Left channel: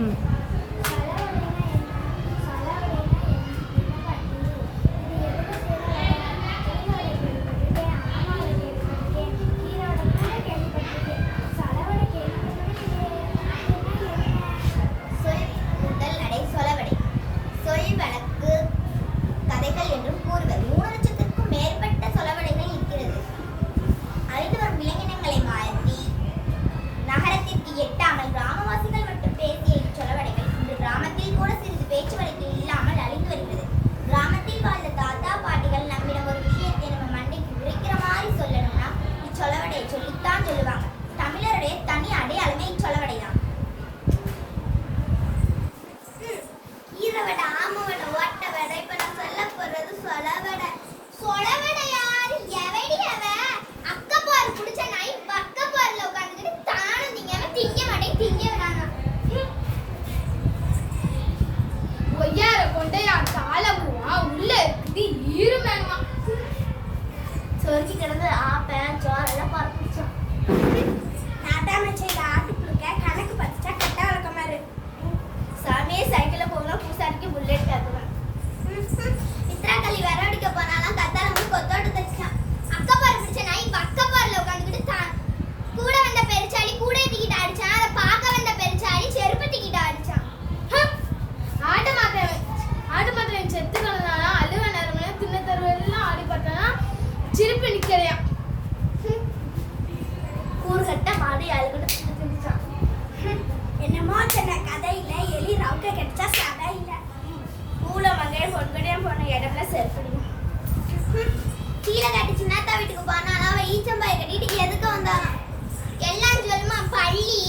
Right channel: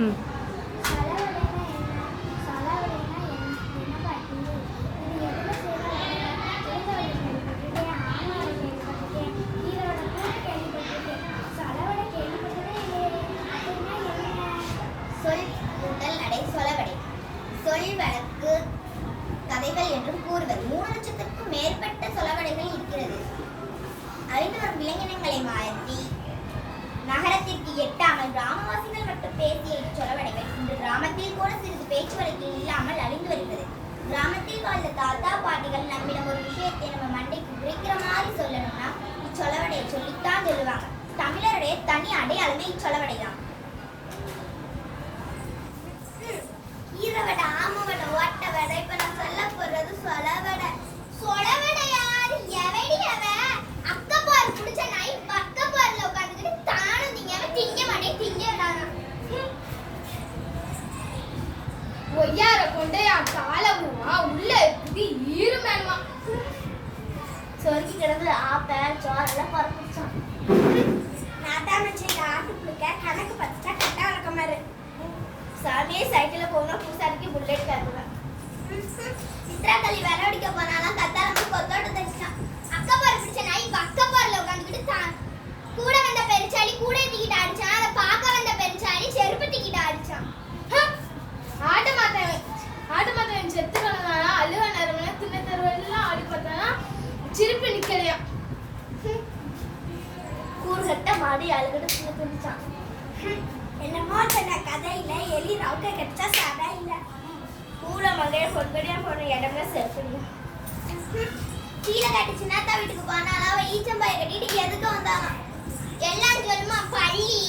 ம். கதைகள் என்றும் கூறுவர். 3,00,000க்கும் மேற்பட்ட சொலவடைகள் இருக்கிறது. அறிந்தவர் விலங்கினங்களை மாற்றி நகரத்திற்கு எட்டாமல் கிராமவாசிகள் மட்டும் பேசிய இச்சொலவடைகள் இன்று கிராமத்தில் கூட சிறிது பேச்சு வழக்கில் இல்லாமல் அழிந்து வருகிறது. கிராமத்தில் வாழ்ந்த தாத்தா பாட்டிகள் நம்மிடம் ஒரு விஷயத்தை நம்ம மண்டைக்கு உரைக்கிற மாதிரி சொல்லணும்னா இச்சொலவடையை சொல்லித்தான் சொல்லுவாங்க. தமிழருடைய தனி அடையாளமே இச்சொலவடைதான். ஈரவடை, ஆமவடை, ஓட்டவடை, இப்ப நான் சொல்ல போறது சொலவடை. சொலவடை யாரு? எவடி அவ? அக்கப்பாரு குடிச்ச நாய் பக்கப்பாருல உட்காந்துக்கிட்டு தானும் திங்க திங்க மாட்டே திங்க விடாங்க. ஒய்யார கொண்டையா காலமுவா உள்ள இருக்குது ஈருமேன்மா. சொருக்கி கிடந்து ஆப்பேன் சோறெல்லாம் பறந்துச்சான். நாட்டாமச்சையில் ஆட்டு கொடுக்க கணக்கு பத்துச்சா கட்ட வழக்கமாரு. சாமியே சைக்கிளில் போகணும், பூசாரிக்கு புல்லெட் தருவேன். இத்திராக்கள்ளி விர அடிக்க போனாலும் கத்தால போய் கொத்தோட்ட தச்சான். அக்கப்பாரு பிடிச்ச நாய் பக்கப்பாரில் உட்காந்துக்கிட்டு கூட வந்த பெருச்சாடி கூட டிக்கிட்ட அடிச்சான். அதை பார்க்க வந்த பெருச்சாடி செருப்பு டிக்கிட்ட அடிச்சான். ஆட்டு மாத்தவன் செத்து கிடந்தானா அழுவ நேரம் தின்ன தெருவெல்லாம் ஆடி பார்த்தானா சிரிப்பு நிக்கலையா. கூறுகட்ட மாடி அழுகிட்டு தின்னுச்சான். என்னமோ சொன்ன கதையில எலி ரவுக்க கிடைச்சா சடை இல்லை. மூல மகைய பொண்கடையும் போன இடம்ல செருப்பிடுங்க. கீழே கட்டி சின்னத்தா வீட்டுக்கு போனாலும் அவ ஈச்சம்பாயை கட்டிட்டு எதுக்கு வந்தாலும் எல்லாம் சொல்லுமா பள்ளி